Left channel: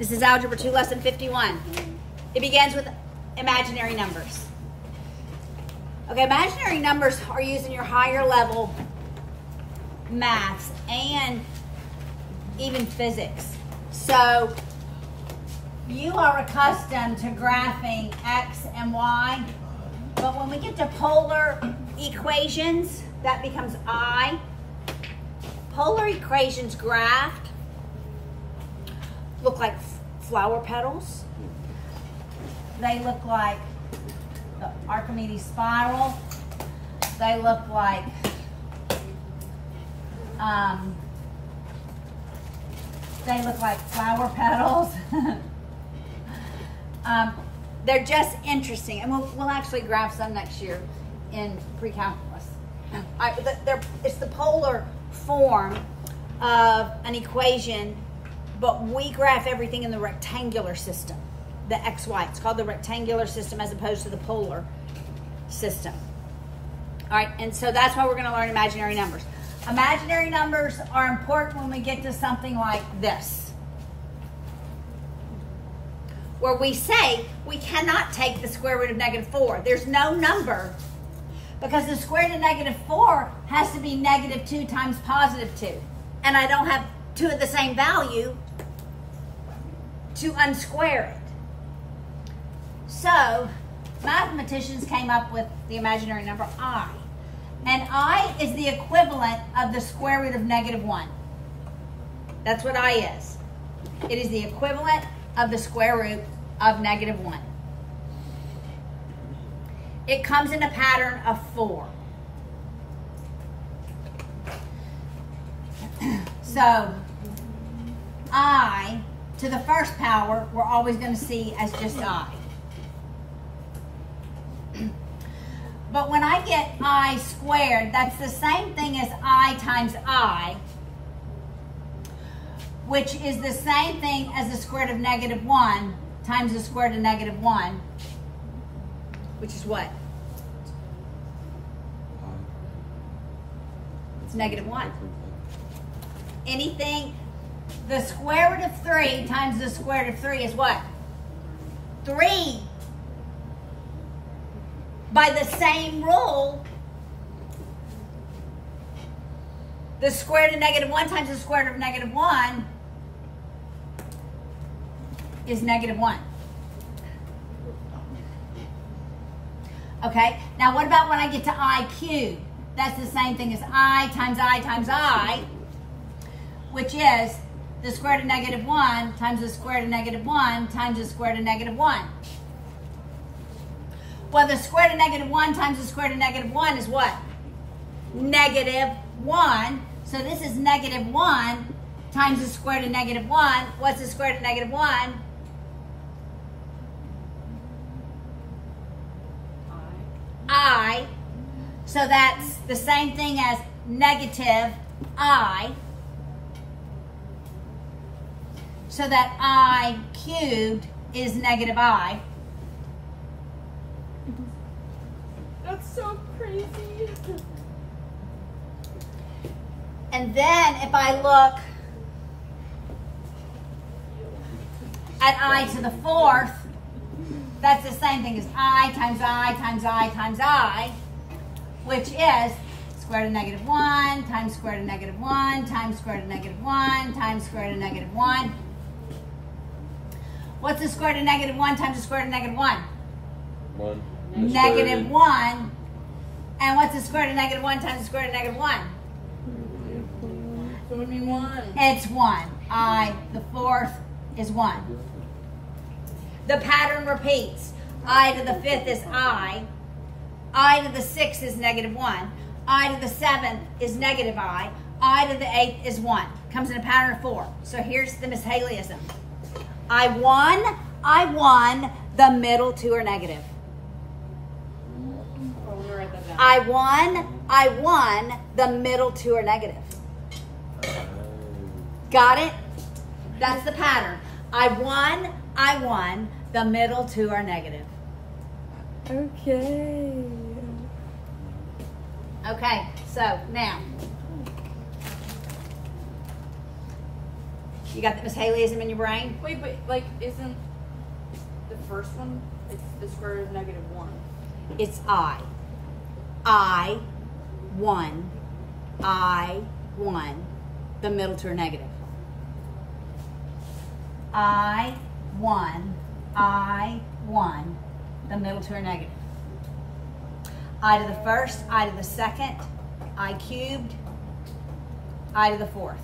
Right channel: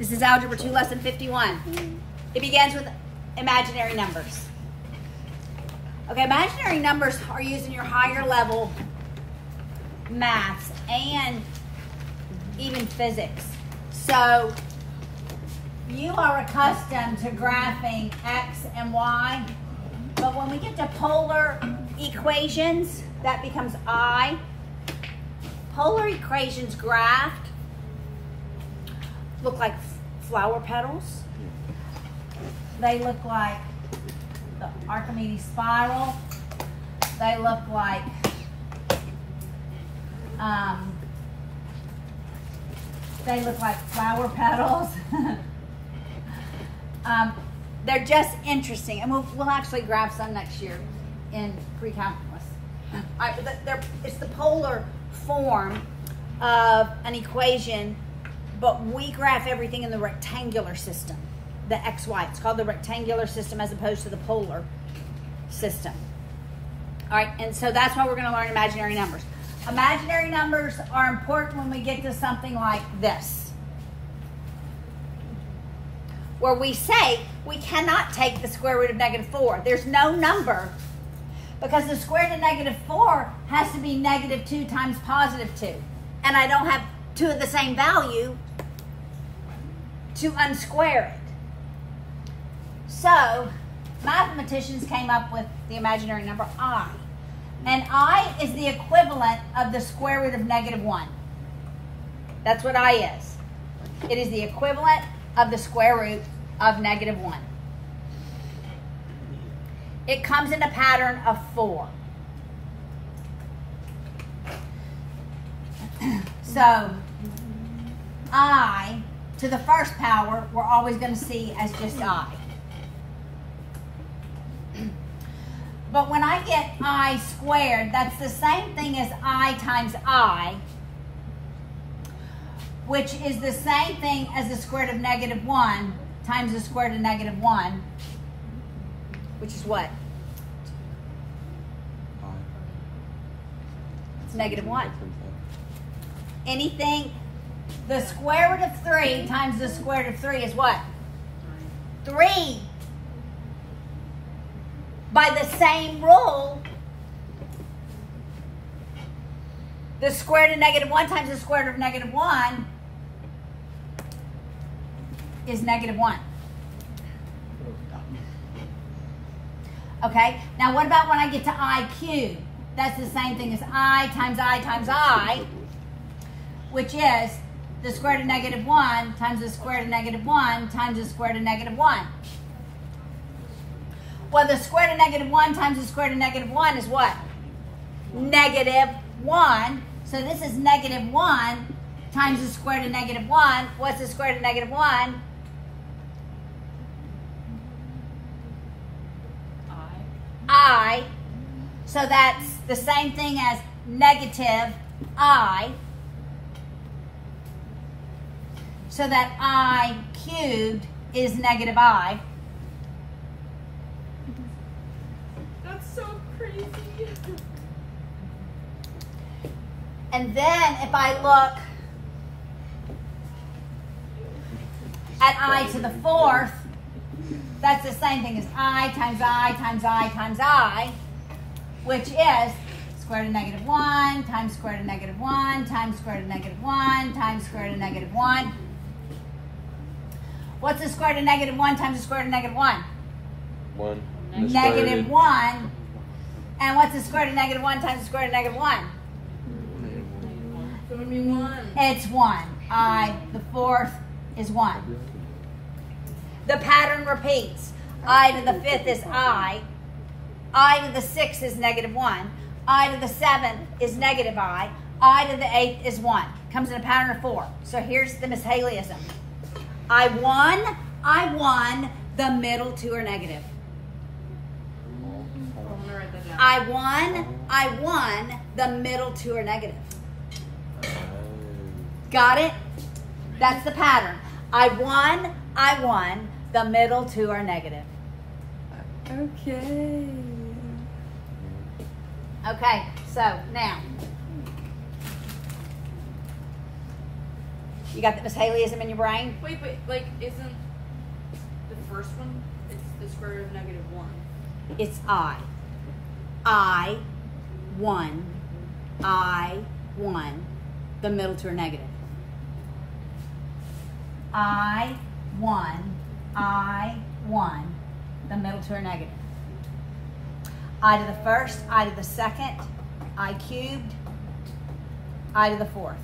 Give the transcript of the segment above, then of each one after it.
This is Algebra 2, Lesson 51. It begins with imaginary numbers. Okay, imaginary numbers are used in your higher level maths and even physics. So you are accustomed to graphing X and Y, but when we get to polar equations, that becomes I. Polar equations graphed look like flower petals. They look like the Archimedes spiral. They look like flower petals. They're just interesting, and we'll actually graph some next year in pre-calculus. It's the polar form of an equation, but we graph everything in the rectangular system, the XY. It's called the rectangular system as opposed to the polar system. All right, and so that's why we're going to learn imaginary numbers. Imaginary numbers are important when we get to something like this, where we say we cannot take the square root of -4. There's no number, because the square root of -4 has to be -2 times +2. And I don't have two of the same value to unsquare it. So mathematicians came up with the imaginary number I. And I is the equivalent of the square root of -1. That's what I is. It is the equivalent of the square root of -1. It comes in a pattern of 4. So I to the first power, we're always going to see as just I. But when I get I squared, that's the same thing as I times I, which is the same thing as the square root of -1 times the square root of -1, which is what? It's -1. Anything, the square root of 3 times the square root of 3 is what? 3. By the same rule, the square root of -1 times the square root of -1 is -1. Okay, now what about when I get to I cubed? That's the same thing as I times I times I, which is the square root of -1 times the square root of -1 times the square root of -1. Well, the square root of -1 times the square root of -1 is what? -1. So this is -1 times the square root of -1. What's the square root of -1? I. So that's the same thing as -I. So that I cubed is -I. That's so crazy. And then if I look at I to the 4th, that's the same thing as I times I times I times I, which is square root of -1 times square root of -1 times square root of -1 times square root of -1. What's the square root of -1 times the square root of -1? 1. -1. And what's the square root of -1 times the square root of -1? It's 1. I, the 4th, is 1. The pattern repeats. I to the 5th is I to the 6th is -1. I to the 7th is I to the 8th is 1. Comes in a pattern of 4. So here's the mishaleyism. I won, the middle two are negative. I won, the middle two are negative. Got it? That's the pattern. I won, the middle two are negative. Okay. Okay, so now, You got the Miss Haleyism in your brain? Wait, but like, isn't the first one? It's the square root of -1. It's I. 1. I 1. The middle two are negative. I 1. The middle two are negative. I to the first, I to the second, I cubed, I to the fourth.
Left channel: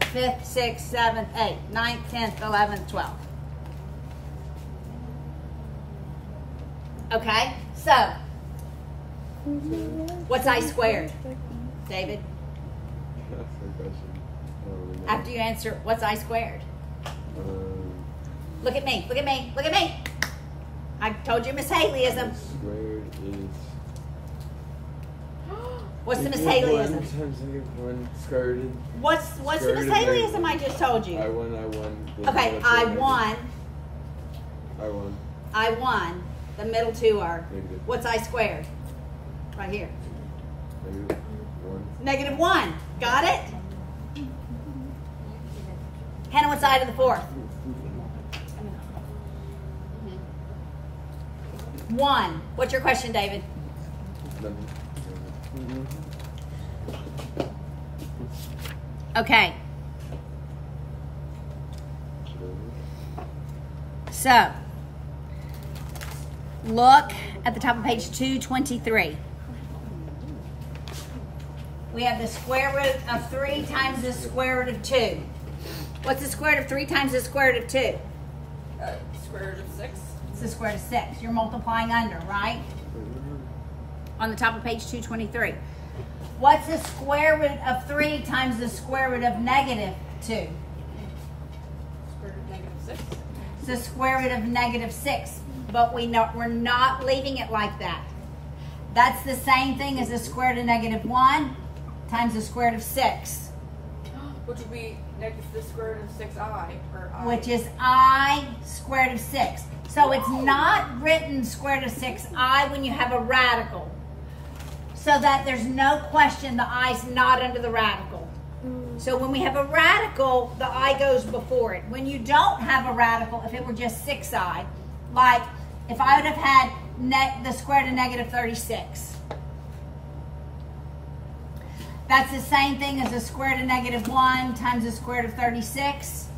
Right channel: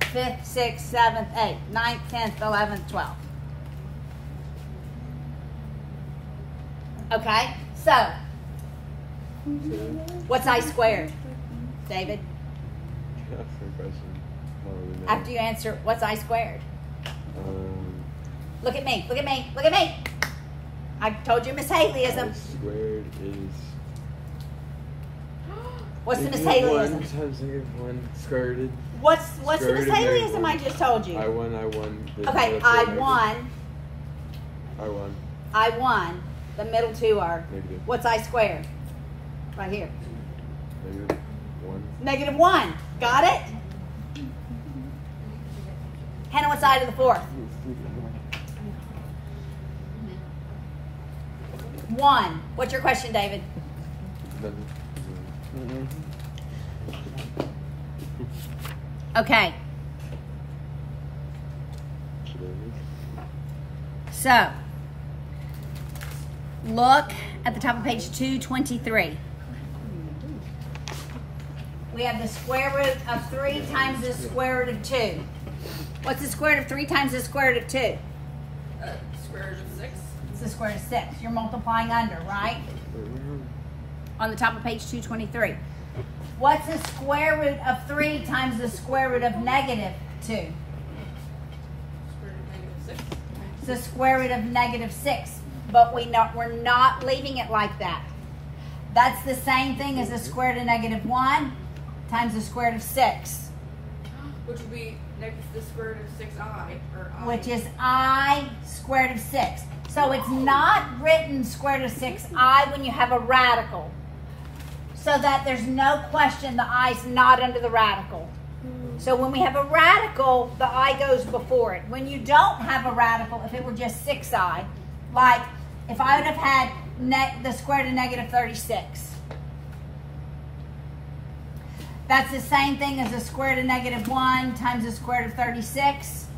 5th, 6th, 7th, 8th, 9th, 10th, 11th, 12th. Okay, so what's I squared, David? After you answer, what's I squared? Look at me, look at me, look at me. I told you Miss Haleyism. Squared is... What's the Miss Haleyism? 1 times -1 square root. What's the Miss Haleyism I just told you? I won. Okay, I won. I won. The middle two are. Negative. What's I squared? Right here. -1. -1. Got it? Hannah, what's I to the fourth? 1. What's your question, David? Okay. So, look at the top of page 223. We have the square root of 3 times the square root of 2. What's the square root of 3 times the square root of 2? Square root of 6. It's the square root of 6. You're multiplying under, right? On the top of page 223. What's the square root of 3 times the square root of -2? Square root of -6. It's the square root of -6. But we're not leaving it like that. That's the same thing as the square root of -1 times the square root of 6. Which would be the square root of 6i, or I. Which is I squared of 6. So it's not written square root of 6i when you have a radical. So that there's no question the i's not under the radical. So when we have a radical, the I goes before it. When you don't have a radical, if it were just 6i, like if I would have had the square root of -36, that's the same thing as the square root of -1 times the square root of 36,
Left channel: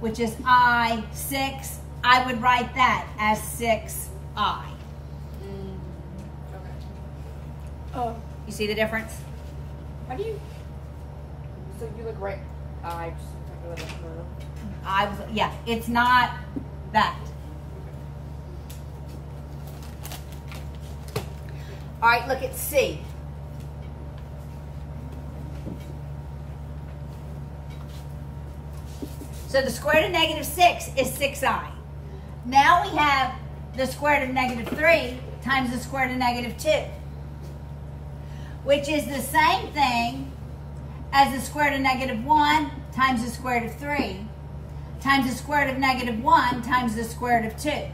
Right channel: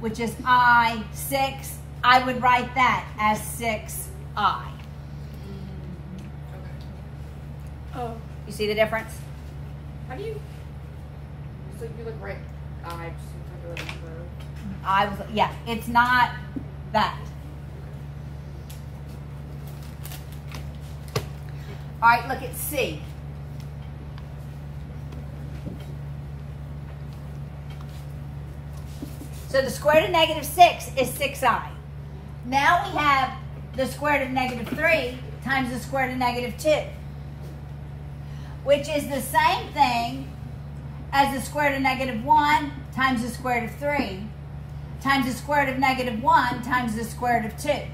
which is I 6. I would write that as 6i. Oh. You see the difference? How do you? So you look right. I just look like Yeah, it's not that. All right, look at C. So the square root of -6 is 6i. Now we have the square root of -3 times the square root of -2, which is the same thing as the square root of -1 times the square root of 3 times the square root of -1 times the square root of 2.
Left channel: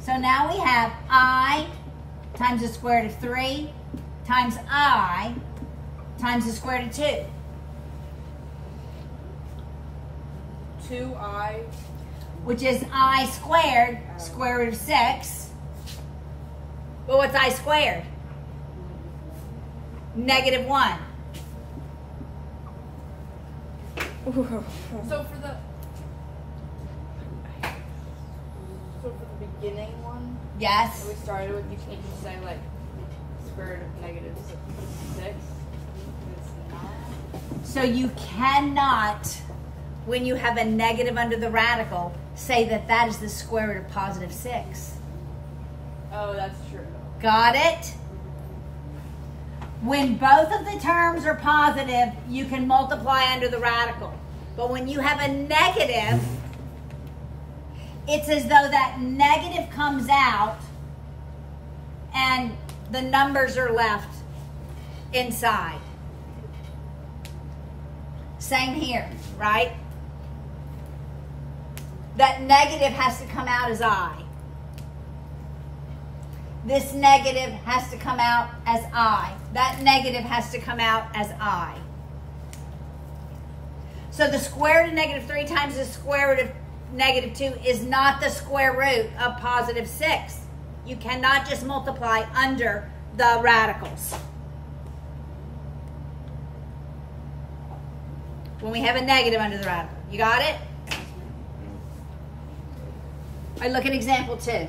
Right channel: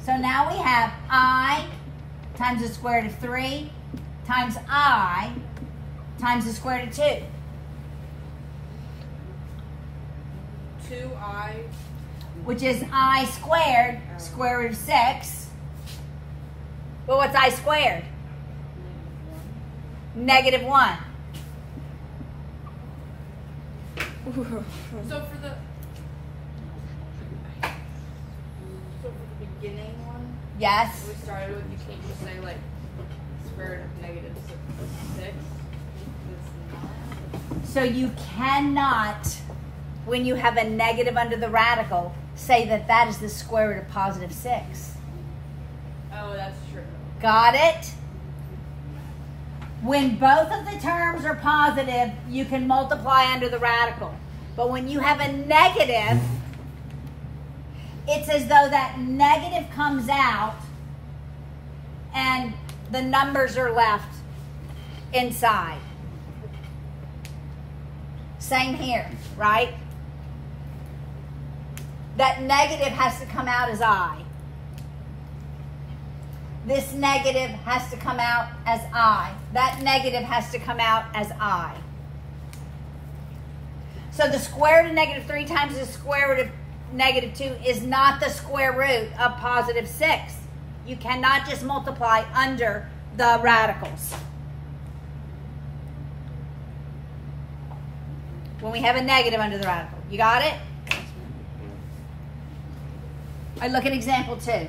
So now we have I times the square root of 3 times I times the square root of 2. 2i. Which is I squared, square root of 6. But what's I squared? -1. So for the beginning one, Yes. we started with, you can't just say like square root of -6. So you cannot, when you have a negative under the radical, say that that is the square root of +6. Oh, that's true. Got it? When both of the terms are positive, you can multiply under the radical. But when you have a negative, it's as though that negative comes out and the numbers are left inside. Same here, right? That negative has to come out as I. This negative has to come out as I. That negative has to come out as I. So the square root of negative 3 times the square root of negative 2 is not the square root of positive 6. You cannot just multiply under the radicals. When we have a negative under the radical. You got it? All right, look at example 2.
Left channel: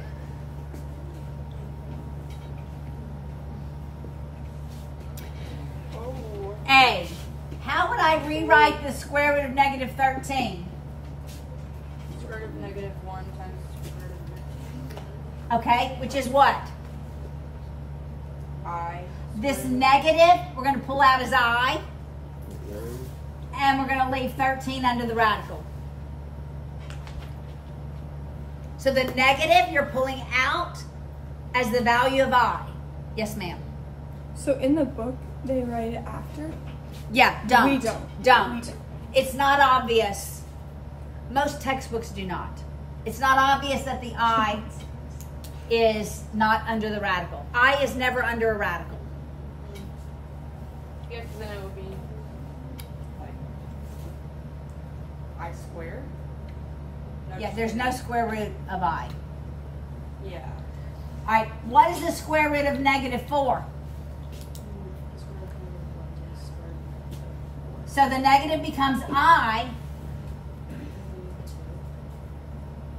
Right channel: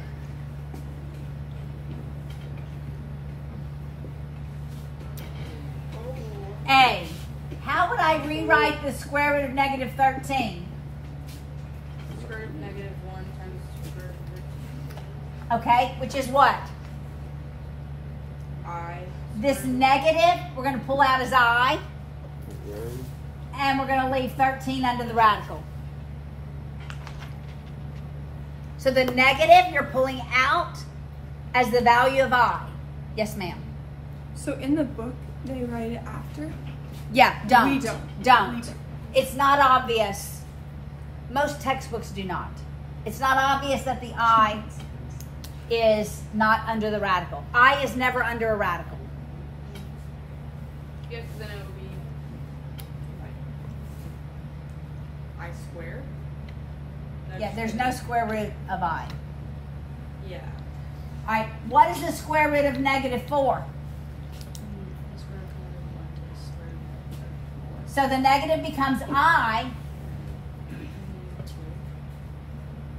A. How would I rewrite the square root of negative 13? Square root of negative 1 times square root of Okay, which is what? I. This negative, we're going to pull out as I, and we're going to leave 13 under the radical. So the negative you're pulling out as the value of I. Yes, ma'am. So in the book, they write it after? Yeah, don't. We don't. Don't. It's not obvious. Most textbooks do not. It's not obvious that the I is not under the radical. I is never under a radical. If then it would be like I squared. Yeah, there's no square root of I. Yeah. All right, what is the square root of negative 4? So the negative becomes I,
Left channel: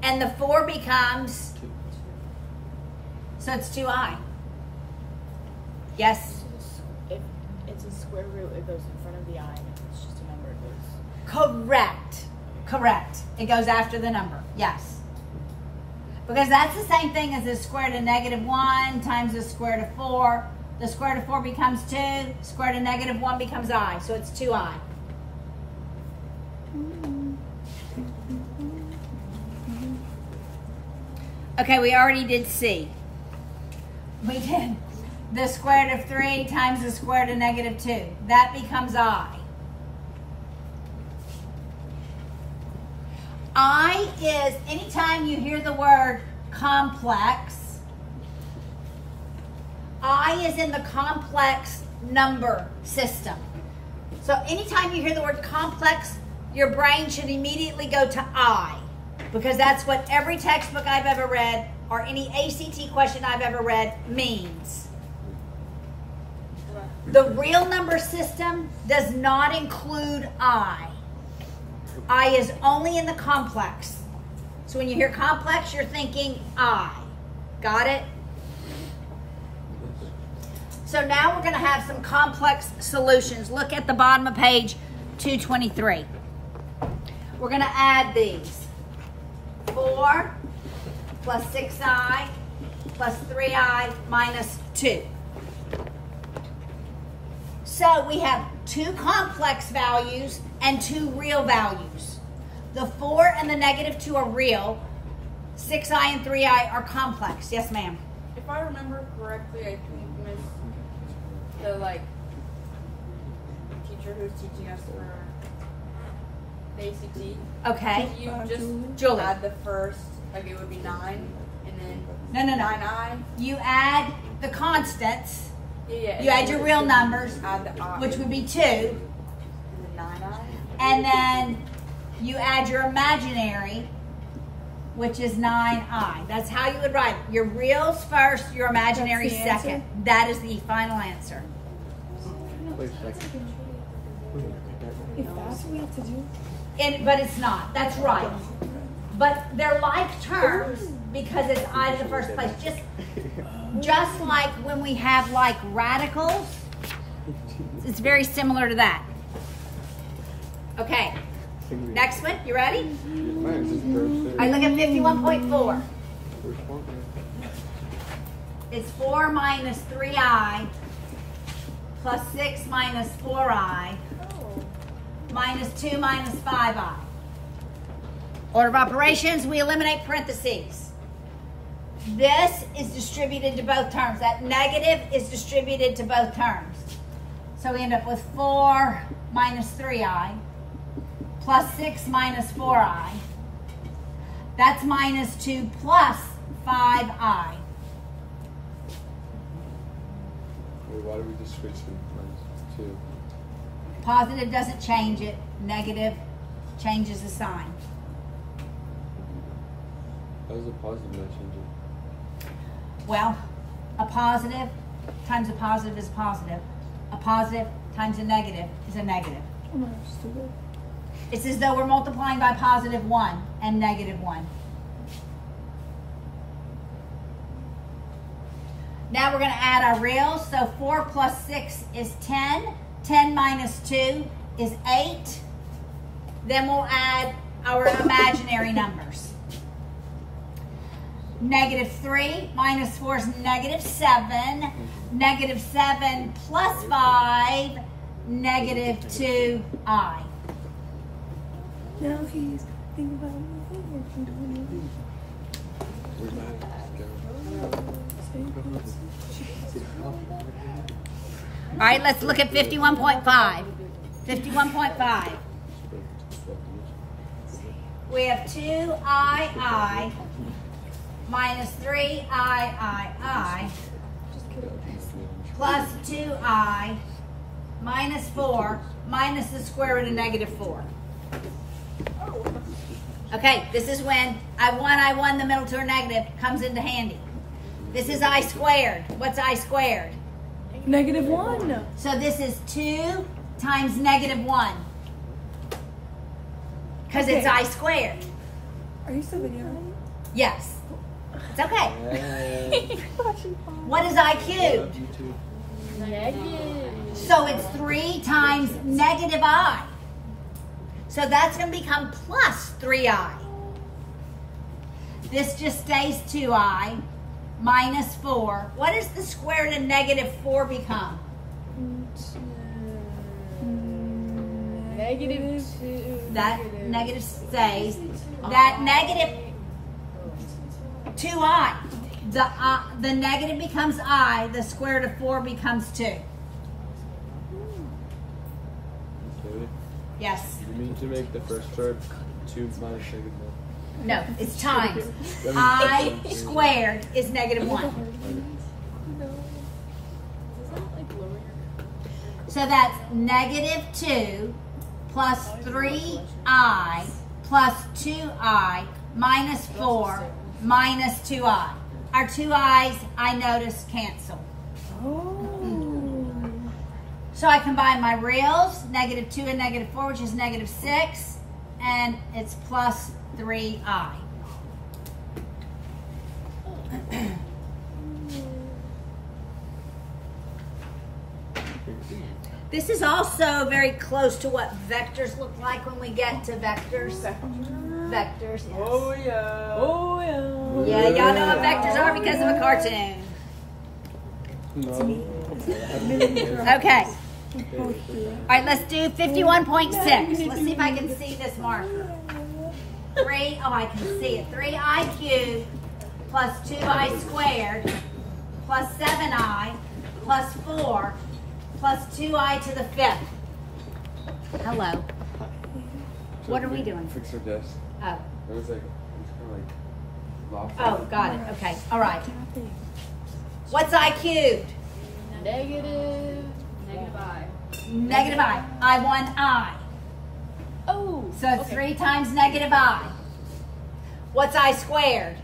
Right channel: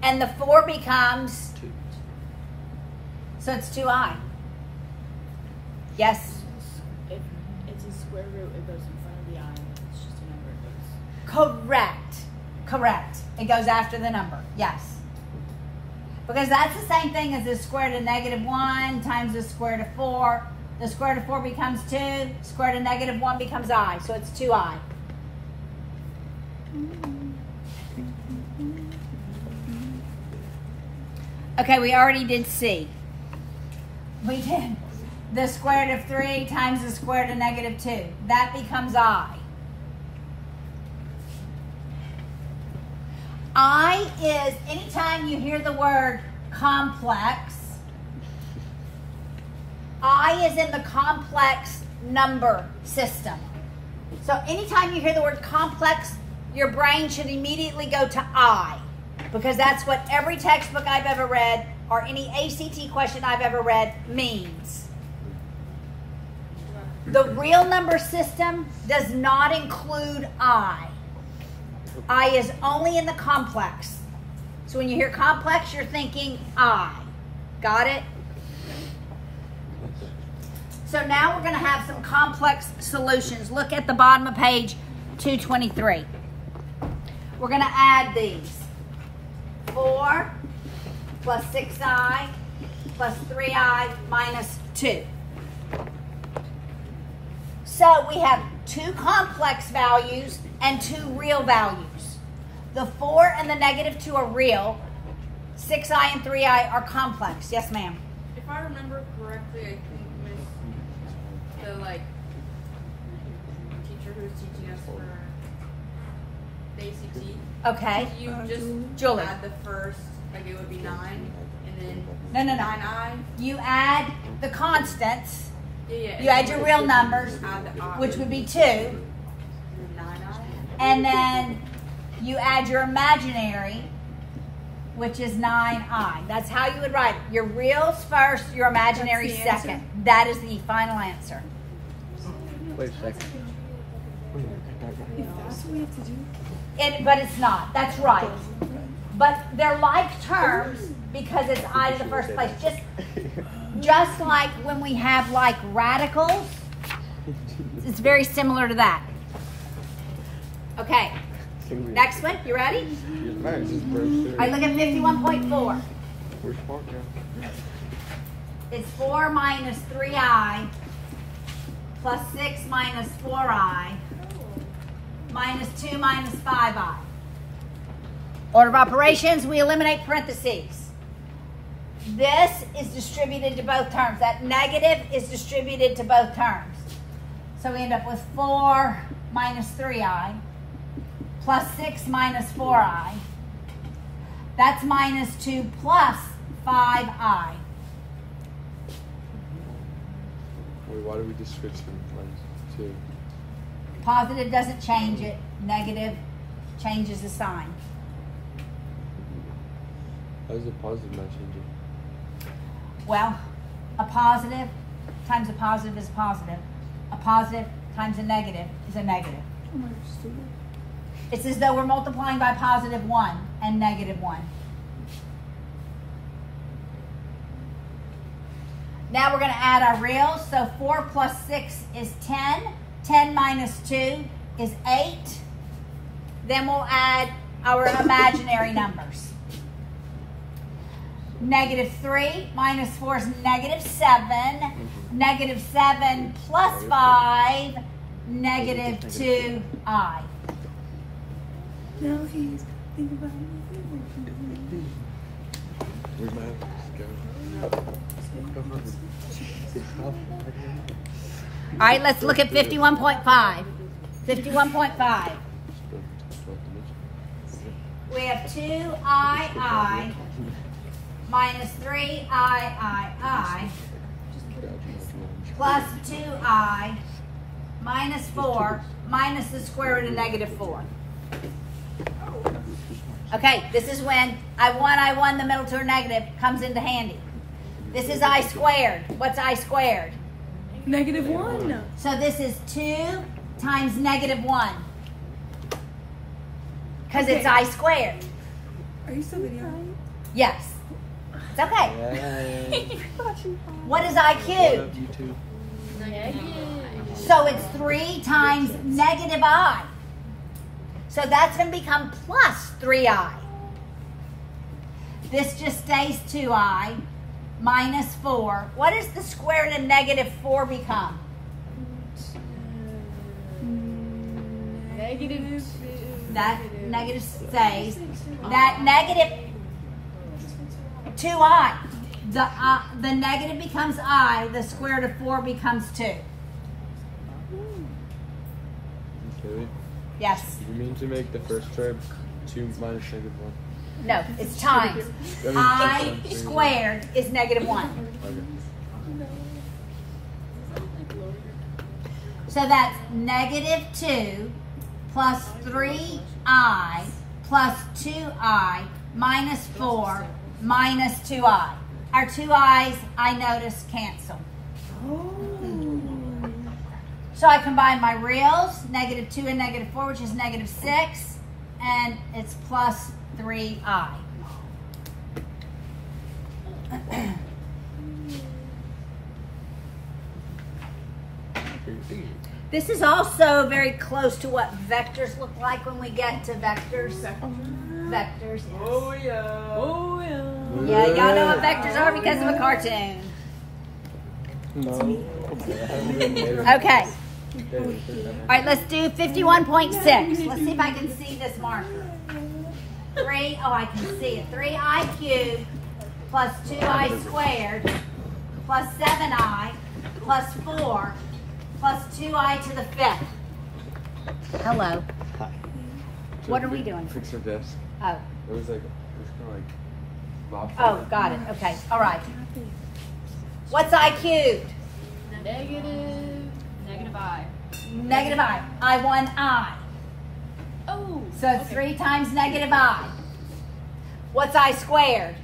and the 4 becomes, so it's 2I. Yes? If it's a square root, it goes in front of the I. It's just a number it goes. Correct. Correct. It goes after the number. Yes. Because that's the same thing as the square root of negative 1 times the square root of 4. The square root of 4 becomes 2. Square root of negative 1 becomes I. So it's 2I. Okay, we already did C. We did the square root of 3 times the square root of negative 2. That becomes I. I is, anytime you hear the word complex, I is in the complex number system. So anytime you hear the word complex, your brain should immediately go to I, because that's what every textbook I've ever read or any ACT question I've ever read means. The real number system does not include I. I is only in the complex. So when you hear complex, you're thinking I. Got it? So now we're going to have some complex solutions. Look at the bottom of page 223. We're going to add these. 4 plus 6I plus 3I minus 2. So we have 2 complex values and 2 real values. The 4 and the negative 2 are real. 6I and 3I are complex. Yes, ma'am. If I remember correctly, I think Miss the teacher who was teaching us for the ACT. Okay. You just Julie. add the first, maybe it would be 9, and No, then no, no. 9I. You add the constants. Yeah. You add your real numbers, Add the I. which would be 2. 9I. And then you add your imaginary, which is 9I. That's how you would write it. Your reals first, your imaginary That's the answer? second. That is the final answer. Wait a second. If that's what we have to do. But it's not. That's right. But they're like terms because it's I in the first place. Just like when we have like radicals, it's very similar to that. Okay. Next one. You ready? All right, look at 51.4. It's 4 minus 3I plus 6 minus 4I minus 2 minus 5I. Order of operations, we eliminate parentheses. This is distributed to both terms. That negative is distributed to both terms. So we end up with 4 minus 3I plus 6 minus 4I. That's minus 2 plus 5I. why do we just switch them times 2? Positive doesn't change it. Negative changes the sign. How does the positive not change it? Well, a positive times a positive is positive. A positive times a negative is a negative. It's as though we're multiplying by positive 1 and negative 1. Now we're going to add our reals. So 4 plus 6 is 10. 10 minus 2 is 8. Then we'll add our imaginary numbers. Negative 3 minus 4 is negative 7. Negative 7 plus 5, negative 2i. Now if you think about it, Where's my All right, let's look at 51.5. 51.5. We have 2i minus 3i plus 2i minus 4 minus the square root of negative 4. Okay, this is when I1, the middle term negative, comes into handy. This is I squared. What's I squared? negative 1. So this is 2 times negative 1. Because it's I squared. Are you still videoing? Yes. It's okay. What is I cubed? So it's 3 times negative I. So that's going to become plus 3i. This just stays 2i minus 4. What does the square root of negative 4 become? Negative 2. That negative stays. That negative 2i. The negative becomes I. The square root of 4 becomes 2. Yes. You mean to make the first term 2 minus negative 1? No, it's times. I squared is negative 1. So that's negative 2 plus 3i plus 2i minus 4 minus 2i. Our 2i's, I notice, cancel. So I combine my reals, negative 2 and negative 4, which is negative 6, and it's plus 3i. This is also very close to what vectors look like when we get to vectors. Vectors, yes. Oh yeah. Oh yeah. Yeah, y'all know what vectors are because of a cartoon. Okay. All right, let's do 51.6. Let's see if I can see this marker. 3, oh, I can see it. 3i cubed plus 2i squared plus 7i plus 4 plus 2i to the 5th. Hello. What are we doing? Fix your desk. Oh. It was like, it's kind of like Oh, got it. Okay. All right. What's I cubed? Negative I. Negative I. I1 I. Oh. So 3 times negative I. What's I squared?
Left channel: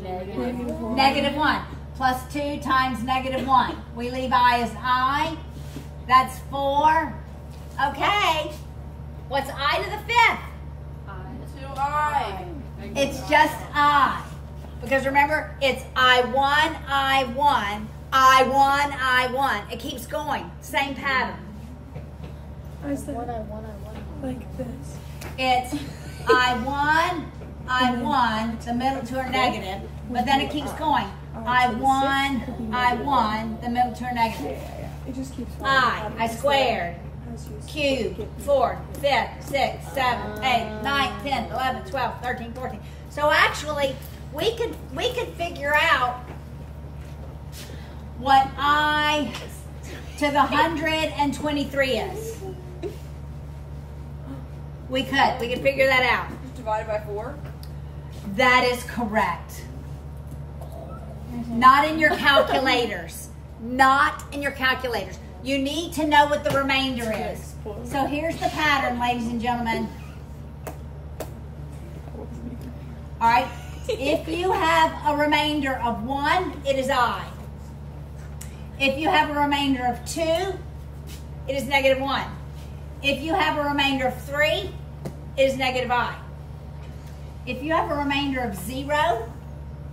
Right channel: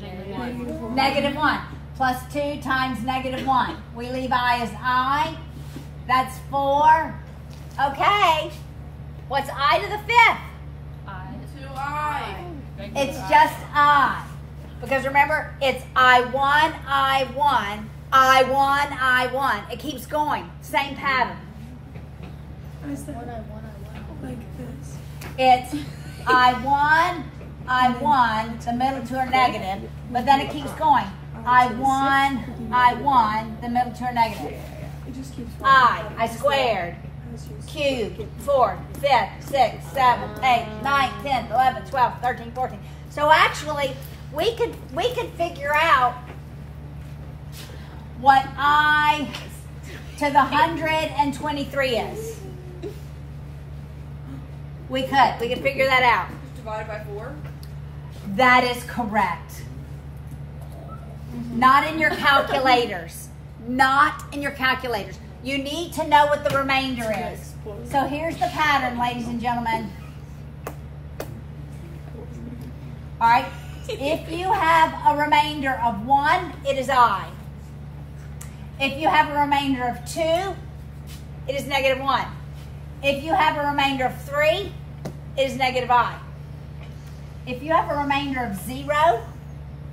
Negative 1. Plus 2 times negative 1. We leave I as I. That's 4. Okay. What's I to the 5th? I. It's just I. Because remember, it's I1, I1, I1, I1. It keeps going. Same pattern. Is that like this? It's I1, I1, the middle two are negative, but then it keeps going. I1, I1, the middle two are negative. It just keeps I squared, cubed, 4, 5, 6, 7, 8, 9, 10, 11, 12, 13, 14. So actually, we could figure out what I to the 123 is. We could figure that out. Divided by 4. That is correct. Not in your calculators. not in your calculators. You need to know what the remainder is. So here's the pattern, ladies and gentlemen. All right, if you have a remainder of 1, it is I. If you have a remainder of 2, it is negative 1. If you have a remainder of 3, it is negative I. If you have a remainder of 0,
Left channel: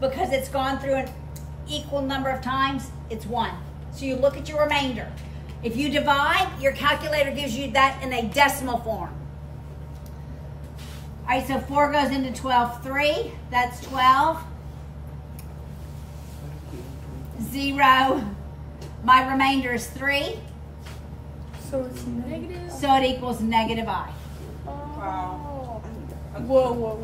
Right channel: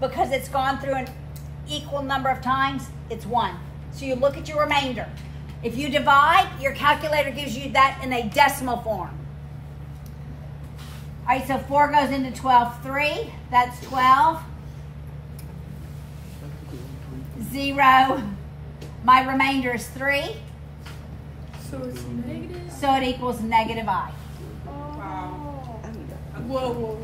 because it's gone through an equal number of times, it's 1. So you look at your remainder. If you divide, your calculator gives you that in a decimal form. All right, so 4 goes into 12, 3, that's 12. 0, my remainder is 3. So it's negative. So it equals negative I. Wow. Whoa.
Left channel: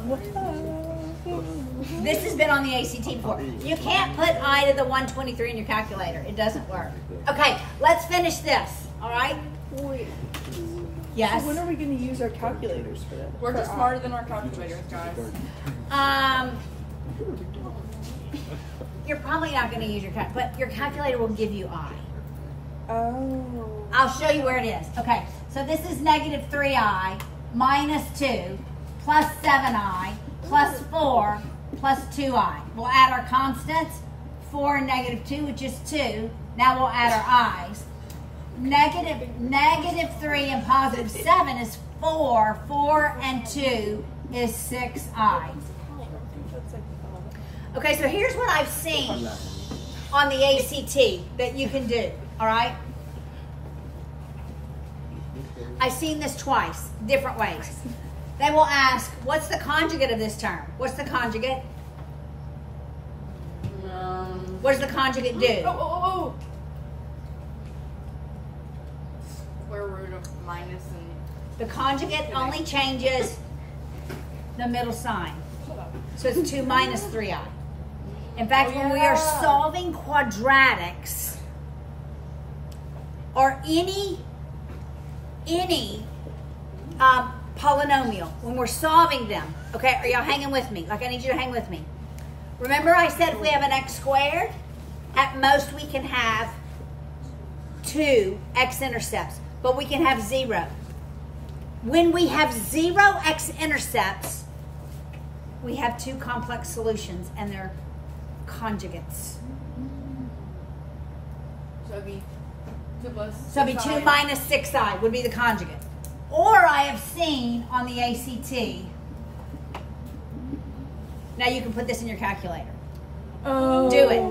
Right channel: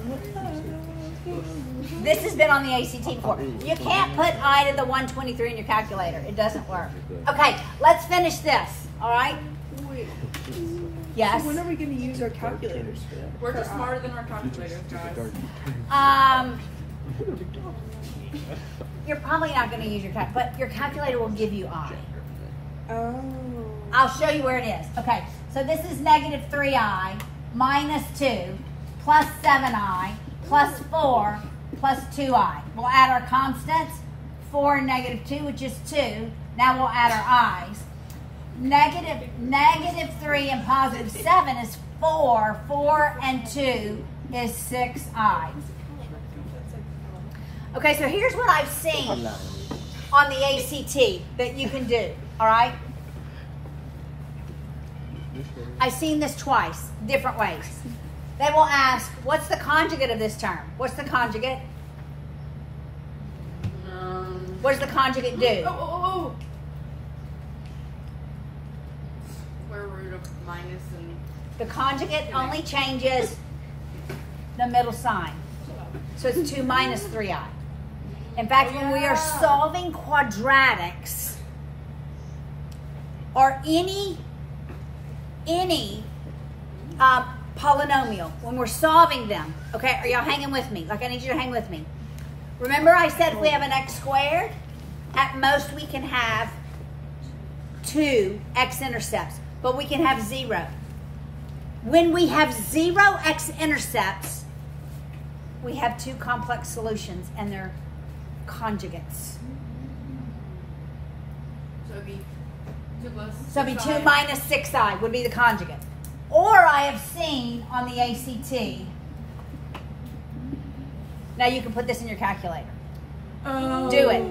This has been on the ACT before. You can't put I to the 123 in your calculator. It doesn't work. Okay, let's finish this, all right? Wait. Yes? So when are we going to use our calculators for that? We're just smarter than our calculators, guys. You're probably not going to use your calculator, but your calculator will give you I. Oh. I'll show you where it is. Okay, so this is negative 3I minus 2 plus 7I plus 4 plus 2I. We'll add our constants, 4 and negative 2, which is 2. Now we'll add our i's. Negative 3 and positive 7 is 4. 4 and 2 is 6i. Okay, so here's what I've seen on the ACT that you can do, all right? I've seen this twice, different ways. They will ask, what's the conjugate of this term? What's the conjugate? What does the conjugate do? Oh. Square root of minus and... The conjugate only changes the middle sign. So it's 2 minus 3i. In fact, when we are solving quadratics or any polynomial, when we're solving them, okay, are y'all hanging with me? Like, I need you to hang with me. Remember I said if we have an x squared, at most we can have 2 x-intercepts, but we can have 0. When we have 0 x-intercepts, we have 2 complex solutions, and they're conjugates. So it'd be 2 plus... So it'd be 2 minus 6i would be the conjugate. Or I have seen on the ACT, now you can put this in your calculator. Oh. Do it.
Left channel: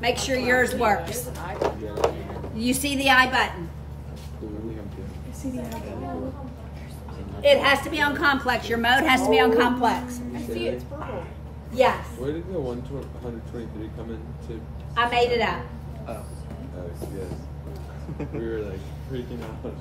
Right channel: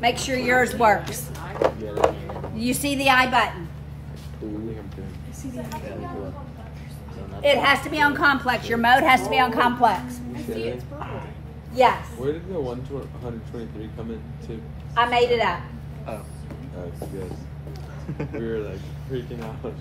Make sure yours works. You see the I button. I see the idea. It has to be on complex. Your mode has to be on complex. Yes. Where did the 123 come into? I made it up. Oh, that's good. We were like freaking out.